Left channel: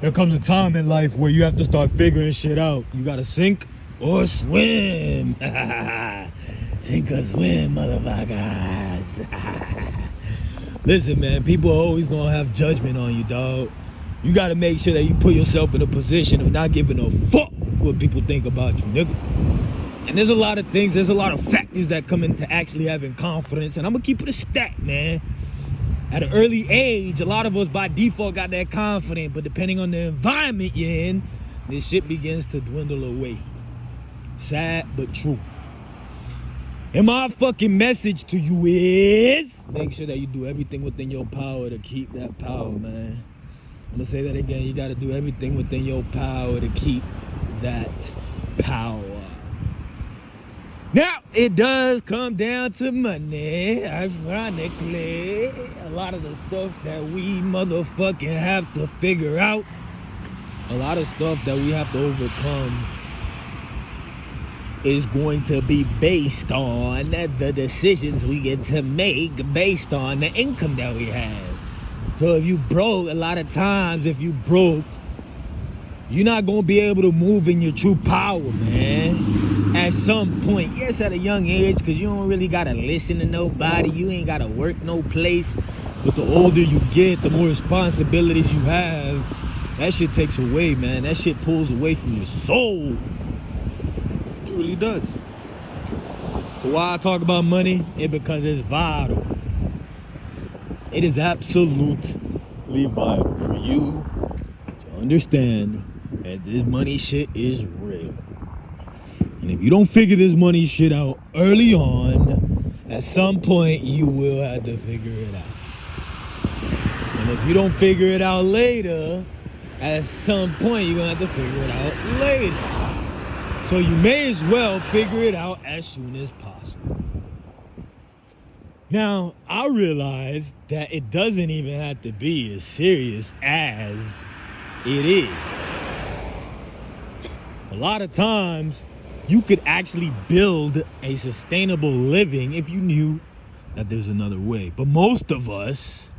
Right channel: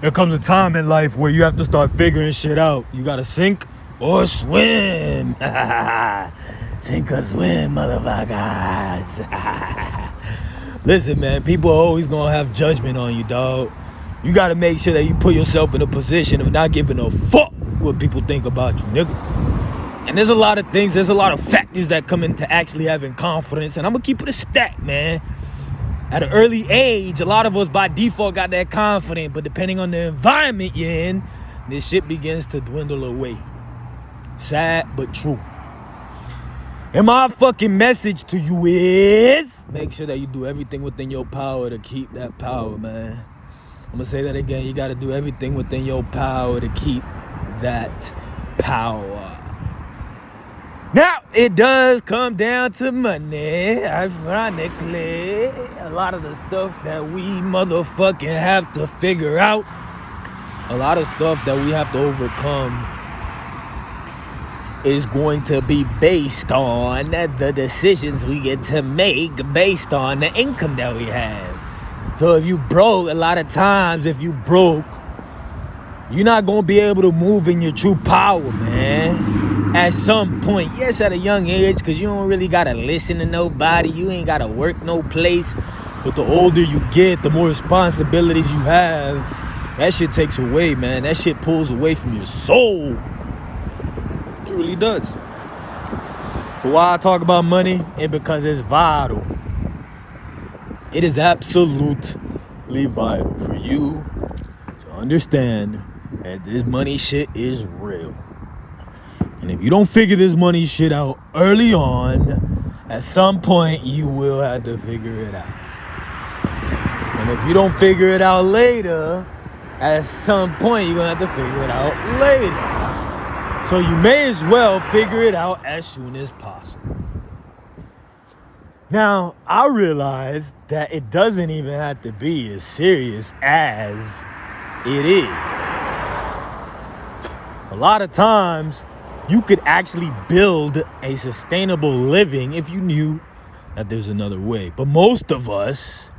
There comes a time in life where you have to start figuring shit out. You gotta sink or swim. Sink or swim, motherfuckers. Listen, man, people are always gonna have judgment on you, dog. You gotta make sure that you put yourself in a position of not giving a fuck what people think about you, nigga. And there's a lot of things, there's a lot of factors that come into actually having confidence. And I'm gonna keep it a stack, man. At an early age, a lot of us by default got that confidence, but depending on the environment you're in, this shit begins to dwindle away. Sad, but true. And my fucking message to you is, make sure that you do everything within your power to keep that power, man. I'm gonna say that again. You gotta do everything within your power to keep that power. Now, it does come down to money, ironically. A lot of the stuff that we motherfucking have to figure out, a lot of stuff that we have to overcome is going to be based on the decisions we get to make based on the income that we have. So if you broke, a lot of times, if you broke, you're not going to be able to move in your true power, man. At some point, yes, at a young age, because you don't really got to listen to nobody. You ain't got to work no place. But the older you get, the more responsibilities you have. That shit takes away, man. That shit pulls away from your soul. It really does. So why I talk about money? It's because it's vital. It is absolutely vital for you to understand that this money shit is real. And if you don't figure this money shit out early on, at some point you will have to figure it out. And if you don't figure it out later, at some point you're gonna have to figure it out later. So you may as well figure it out as soon as possible. Now, I realize that it doesn't even have to be as serious as it is. A lot of times, you could actually build a sustainable living if you knew that there's another way. But most of us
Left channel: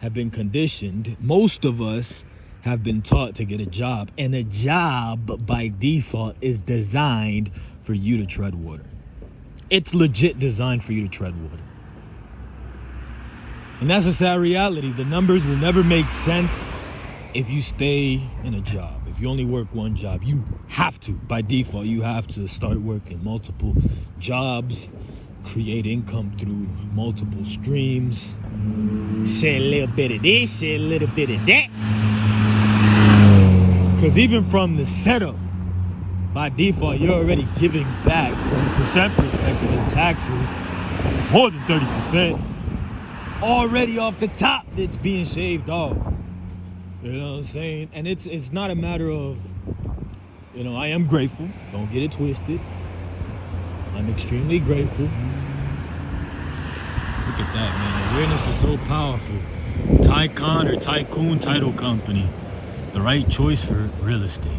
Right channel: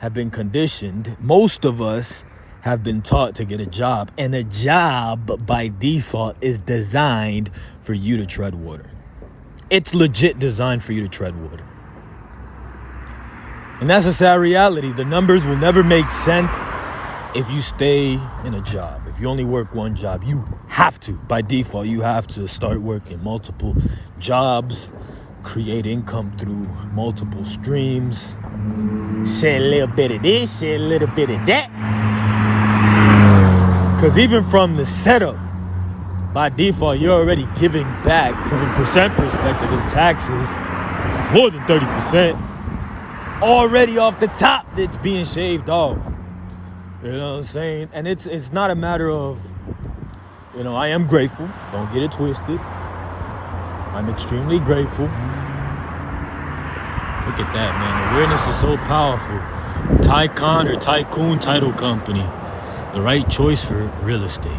have been conditioned. Most of us have been taught to get a job. And a job, by default, is designed for you to tread water. It's legit designed for you to tread water. And that's a sad reality. The numbers will never make sense if you stay in a job. If you only work one job, you have to, by default, you have to start working multiple jobs, create income through multiple streams, share a little bit of this, share a little bit of that. Because even from the setup, by default, you're already giving back from a percent perspective in taxes, more than 30%. Already off the top, it's being shaved off. You know what I'm saying? And it's not a matter of, you know, I am grateful. Don't get it twisted. I'm extremely grateful. Look at that, man. Awareness is so powerful. Tycoon or Tycoon Title Company. The right choice for real estate.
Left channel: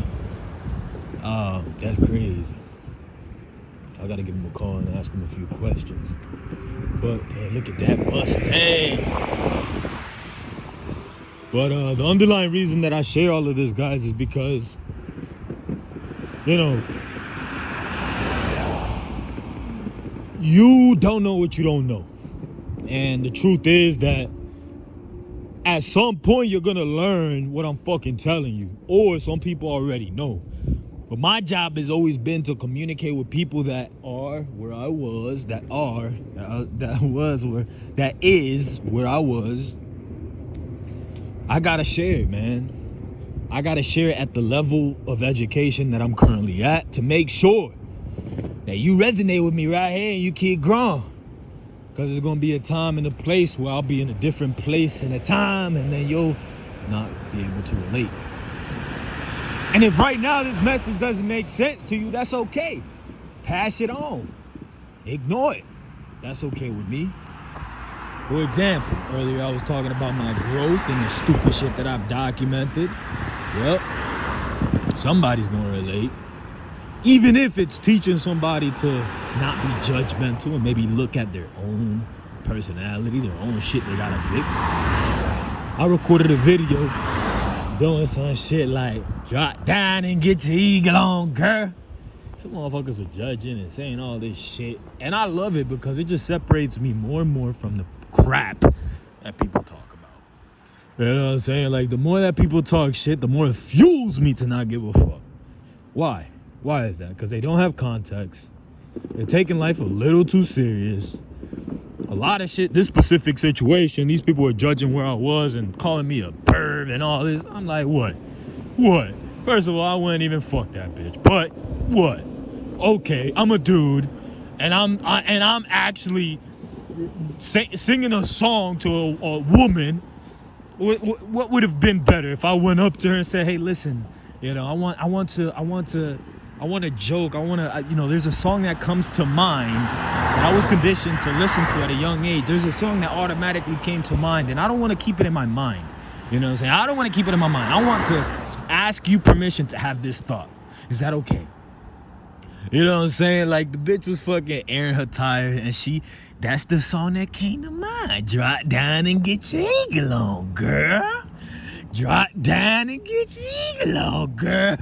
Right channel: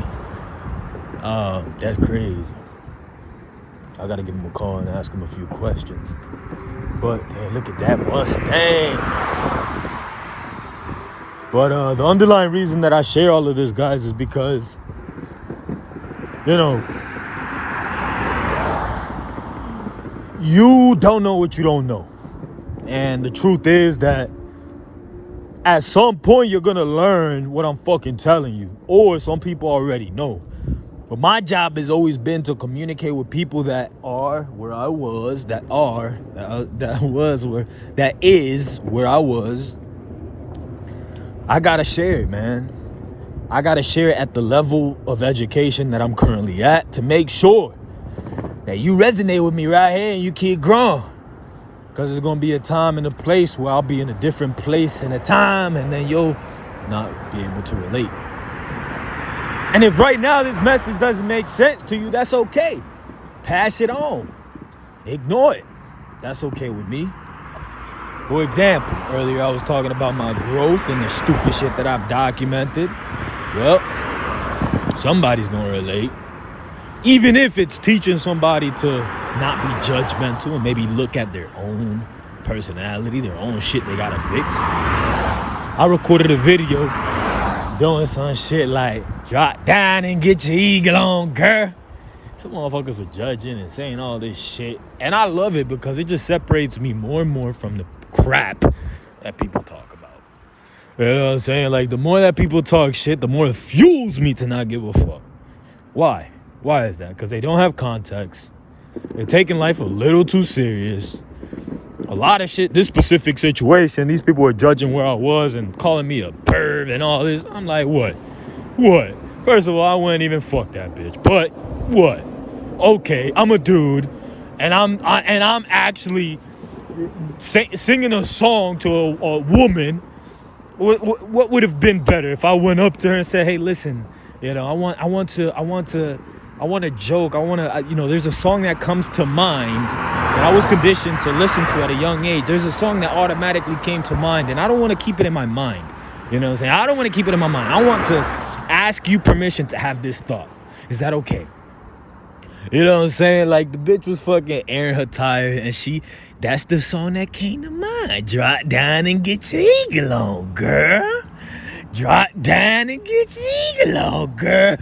That's crazy. I gotta give him a call and ask him a few questions. But, man, look at that Mustang. But the underlying reason that I share all of this, guys, is because, you know, you don't know what you don't know. And the truth is that at some point you're going to learn what I'm fucking telling you. Or some people already know. But my job has always been to communicate with people that are where I was, that is where I was. I gotta share it, man. I gotta share it at the level of education that I'm currently at to make sure that you resonate with me right here and you keep growing. Because there's gonna be a time and a place where I'll be in a different place and a time, and then you'll not be able to relate. And if right now this message doesn't make sense to you, that's okay. Pass it on. Ignore it. That's okay with me. For example, earlier I was talking about my growth and the stupid shit that I've documented. Well, somebody's gonna relate. Even if it's teaching somebody to not be judgmental and maybe look at their own personality, their own shit they gotta fix. I recorded a video doing some shit like drop down and get your eagle on, girl. Some motherfuckers are judging and saying all this shit. And I love it because it just separates me more and more from the crap that people talk about. You know what I'm saying? Like, the more that people talk shit, the more it fuels me to not give a fuck. Why? Why is that? Because they don't have context. They're taking life a little too serious. A lot of shit, this specific situation, these people were judging where I was and calling me a perv and all this. I'm like, what? What? First of all, I wouldn't even fuck that bitch. But what? Okay, I'm a dude, and I'm actually singing a song to a woman. What would have been better if I went up to her and said, "Hey, listen, you know, I want to joke. There's a song that comes to mind. I was conditioned to listen to at a young age. There's a song that automatically came to mind, and I don't want to keep it in my mind. You know what I'm saying? I don't want to keep it in my mind. I want to ask you permission to have this thought. Is that okay?" You know what I'm saying? Like, the bitch was fucking airing her tire, and that's the song that came to mind. Drop down and get your eagle on, girl. Drop down and get your eagle on, girl.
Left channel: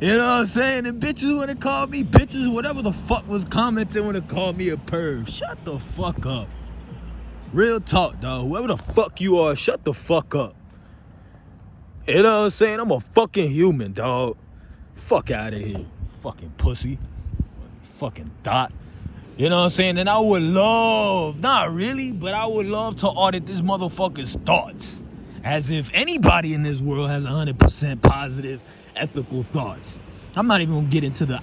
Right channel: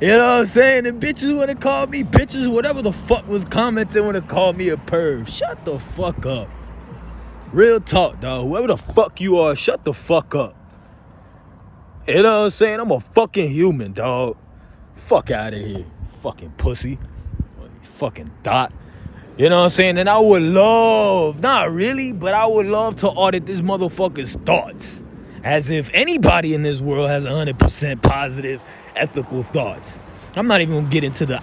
You know what I'm saying? The bitches want to call me bitches, whatever the fuck was commenting want to call me a perv. Shut the fuck up. Real talk, dog. Whoever the fuck you are, shut the fuck up. You know what I'm saying? I'm a fucking human, dog. Fuck out of here. Fucking pussy. Fucking thought. You know what I'm saying? And I would love, not really, but I would love to audit this motherfucker's thoughts. As if anybody in this world has 100% positive, ethical thoughts. I'm not even gonna get into the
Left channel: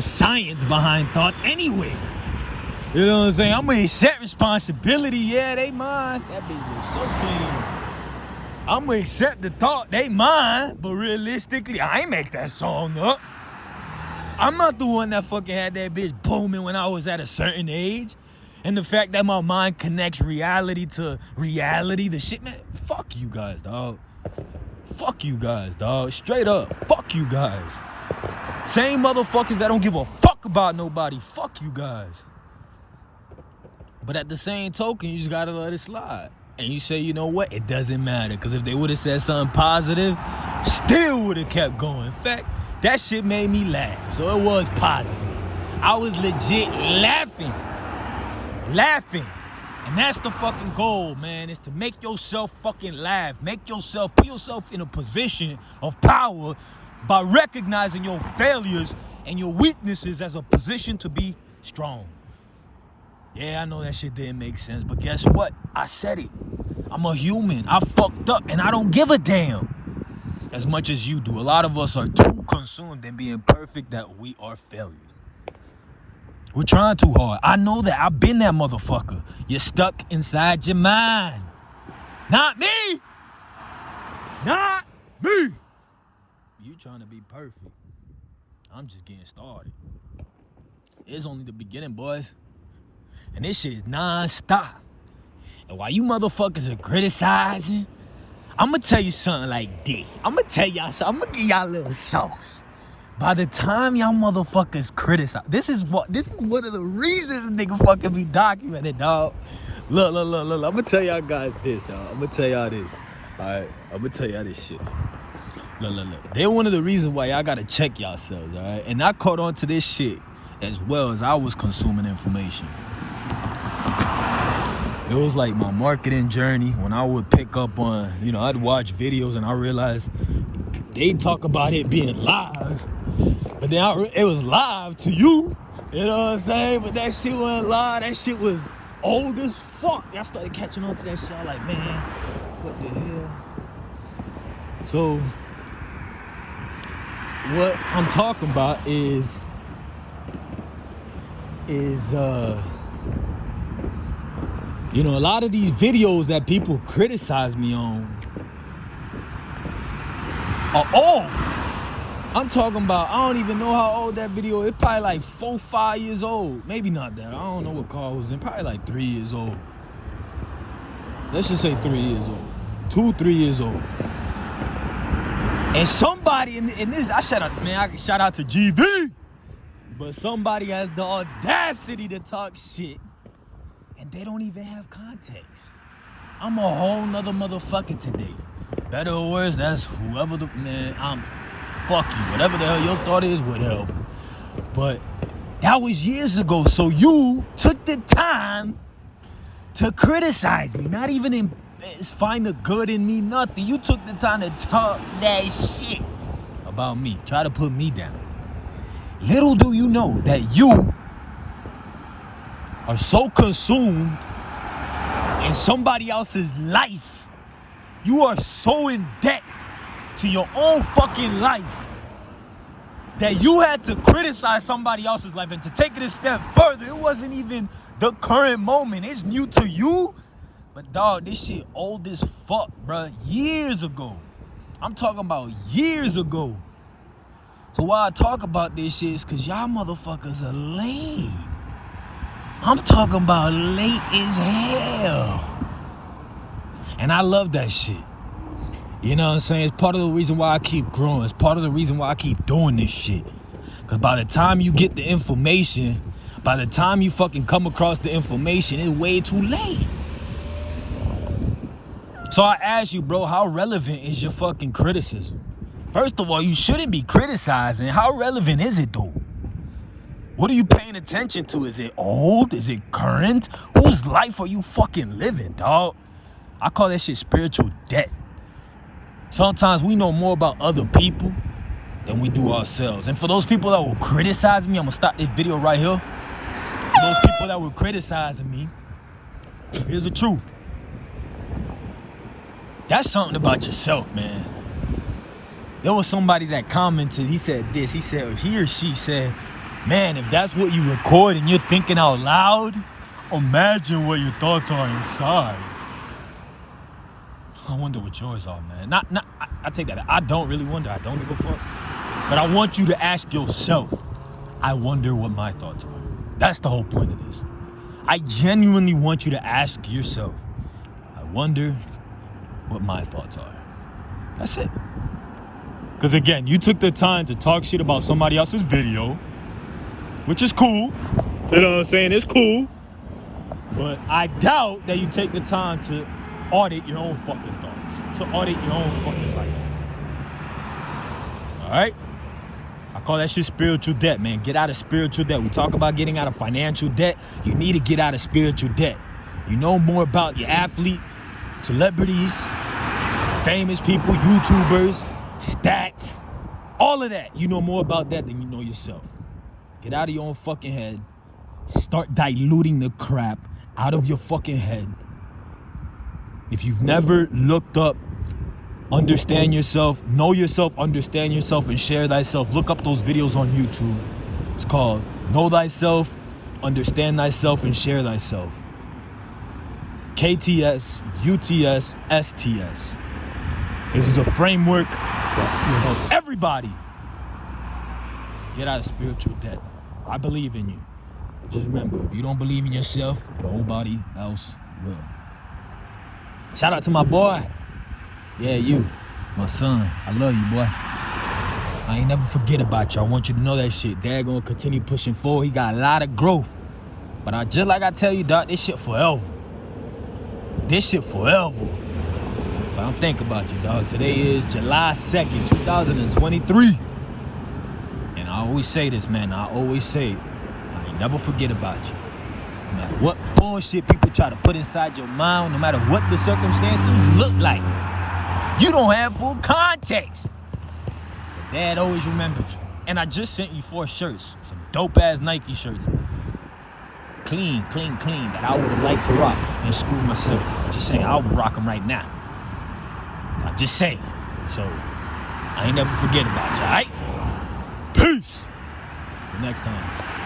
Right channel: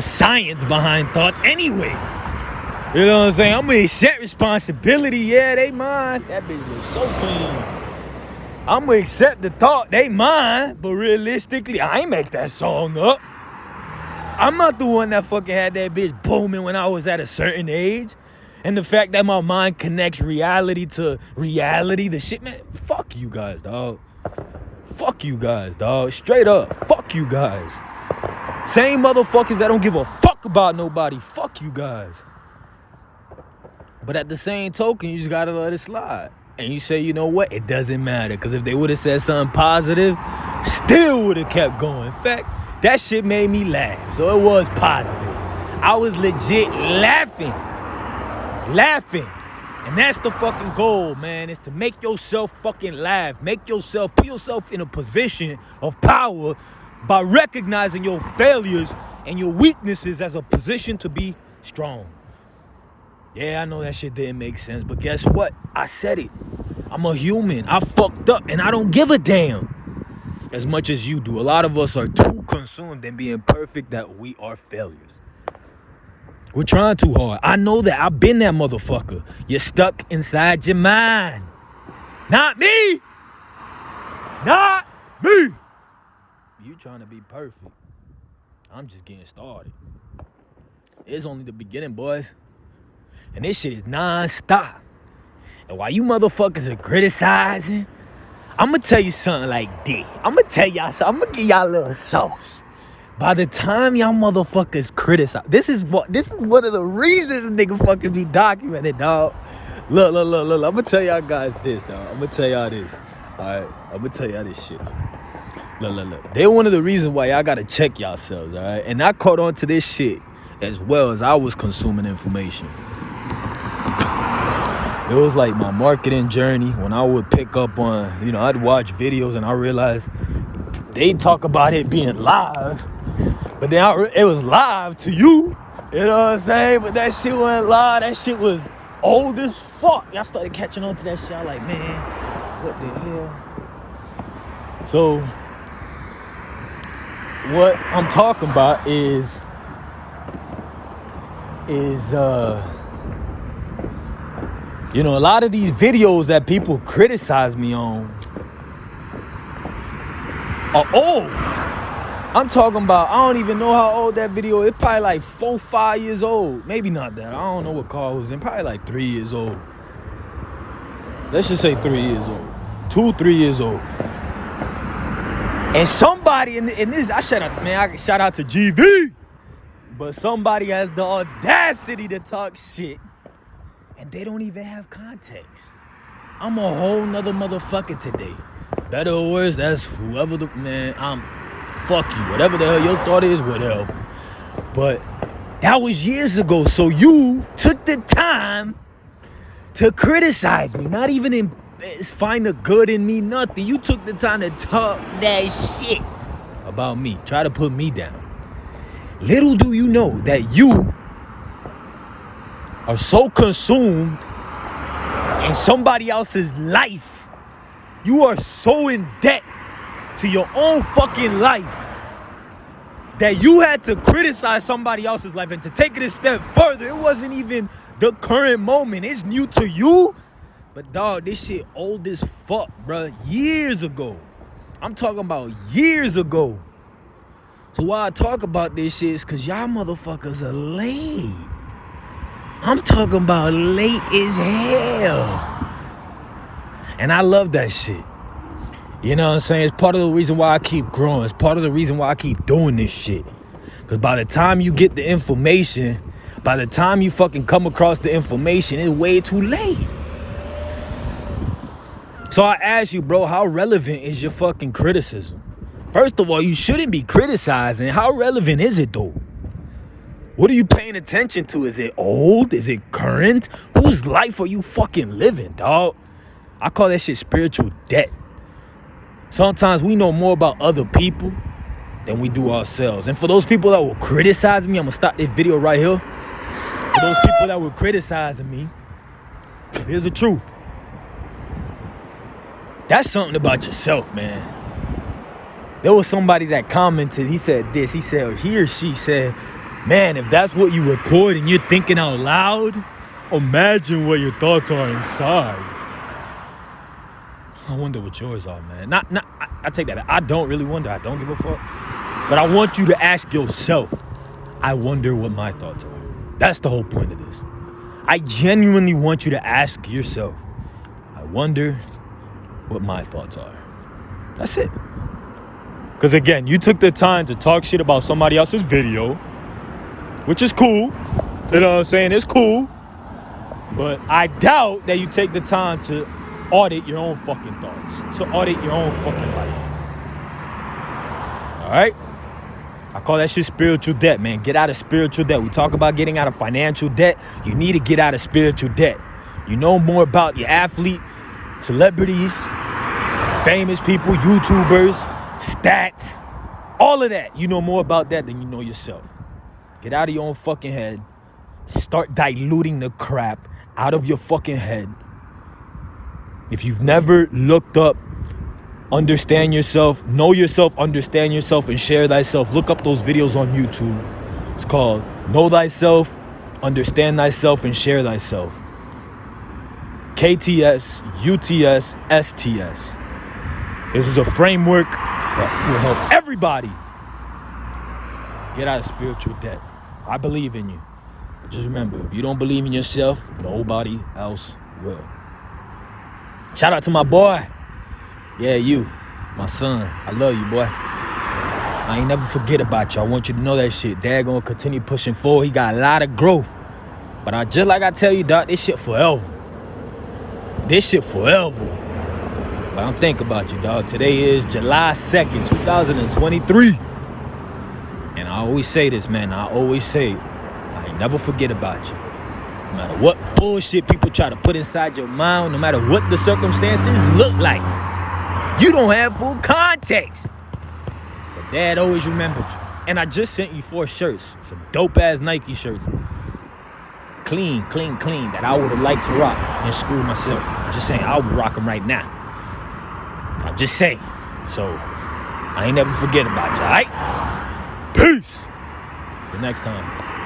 science behind thoughts anyway. You know what I'm saying? I'm gonna accept responsibility. Yeah, they mine. That bitch was so clean. I'm gonna accept the thought, they mine, but realistically, I ain't make that song up. I'm not the one that fucking had that bitch booming when I was at a certain age. And the fact that my mind connects reality to reality, the shit, man, fuck you guys, dog. Fuck you guys, dog. Straight up, fuck you guys. Same motherfuckers that don't give a fuck about nobody, fuck you guys. But at the same token, you just gotta let it slide. And you say, you know what? It doesn't matter. Because if they would have said something positive, still would have kept going. In fact, that shit made me laugh. So it was positive. I was legit laughing. And that's the fucking goal, man. Is to make yourself fucking laugh. Put yourself in a position of power by recognizing your failures and your weaknesses as a position to be strong. Yeah, I know that shit didn't make sense, but guess what? I said it. I'm a human. I fucked up, and I don't give a damn as much as you do. A lot of us are too consumed in being perfect that we are failures. We're trying too hard. I know that. I've been that motherfucker. You're stuck inside your mind. Not me. Not me. You trying to be perfect. I'm just getting started. It's only the beginning, boys. And this shit is non-stop. And while you motherfuckers are criticizing, I'm going to tell you something like this. I'm going to tell y'all something. I'm going to give y'all a little sauce. By the time y'all motherfuckers criticize, this is one of the reasons nigga fucking be documented, dog. Look. I'm going to tell y'all guys this, dog. I'm going to tell y'all this. All right? I'm going to tell y'all this shit. Look. They're one of the reasons why y'all got to check yourselves, all right? And I caught on to this shit as well as I was consuming information. It was like my marketing journey when I would pick up on, I'd watch videos and I realized they talk about it being live, but then it was live to you. You know what I'm saying? But that shit wasn't live. That shit was old as fuck. I started catching on to that shit. I'm like, man, what the hell? So what I'm talking about is a lot of these videos that people criticize me on are old. I'm talking about, I don't even know how old that video is. It's probably like 4-5 years old. Maybe not that. I don't know what car it was in. Probably like 3 years old. Let's just say 3 years old. 2-3 years old. And somebody in this, I shout out to GV. But somebody has the audacity to talk shit. And they don't even have context. I'm a whole nother motherfucker today. Better or worse, that's whoever the man. Fuck you. Whatever the hell your thought is, whatever. But that was years ago. So you took the time to criticize me. Not even find the good in me, nothing. You took the time to talk that shit about me. Try to put me down. Little do you know that you are so consumed in somebody else's life. You are so in debt to your own fucking life that you had to criticize somebody else's life. And to take it a step further, it wasn't even the current moment. It's new to you. But dog, this shit old as fuck, bruh. Years ago. I'm talking about years ago. So why I talk about this shit is because y'all motherfuckers are late. I'm talking about late as hell. And I love that shit. You know what I'm saying? It's part of the reason why I keep growing. It's part of the reason why I keep doing this shit. Because by the time you get the information, by the time you fucking come across the information, it's way too late. So I ask you, bro, how relevant is your fucking criticism? First of all, you shouldn't be criticizing. How relevant is it though? What are you paying attention to? Is it old? Is it current? Whose life are you fucking living, dog? I call that shit spiritual debt. Sometimes we know more about other people than we do ourselves. And for those people that will criticize me, I'm gonna stop this video right here. For those people that were criticizing me, here's the truth. That's something about yourself, man. There was somebody that commented, he said this, he or she said, man, if that's what you record and you're thinking out loud, imagine what your thoughts are inside. I wonder what yours are, man. I take that back. I don't really wonder. I don't give a fuck. But I want you to ask yourself, I wonder what my thoughts are. That's the whole point of this. I genuinely want you to ask yourself, I wonder what my thoughts are. That's it. Because again, you took the time to talk shit about somebody else's video, which is cool. You know what I'm saying? It's cool. But I doubt that you take the time to audit your own fucking thoughts. To audit your own fucking thoughts. Alright? I call that shit spiritual debt, man. Get out of spiritual debt. We talk about getting out of financial debt. You need to get out of spiritual debt. You know more about your athlete, celebrities, famous people, YouTubers, stats, all of that. You know more about that than you know yourself. Get out of your own fucking head. Start diluting the crap out of your fucking head. If you've never looked up, understand yourself, know yourself, understand yourself, and share thyself, look up those videos on YouTube. It's called Know Thyself, Understand Thyself, and Share Thyself. KTS, UTS, STS. This is a framework that will help everybody get out of spiritual debt. I believe in you. But just remember, if you don't believe in yourself, nobody else will. Shout out to my boy. Yeah, you, my son. I love you, boy. I ain't never forget about you. I want you to know that shit. Dad gonna continue pushing forward. He got a lot of growth. But just like I tell you, Doc, this shit forever. This shit forever. But don't think about you, dog. Today is July 2nd, 2023. And I always say this, man. I always say, I never forget about you. No matter what bullshit people try to put inside your mind, no matter what the circumstances look like, you don't have full context. But Dad always remembered you. And I just sent you 4 shirts. Some dope-ass Nike shirts. Clean, that I would have liked to rock in school myself. I'm just saying, I would rock them right now. I'm just saying. So, I ain't never forget about you, all right? Peace. Till next time.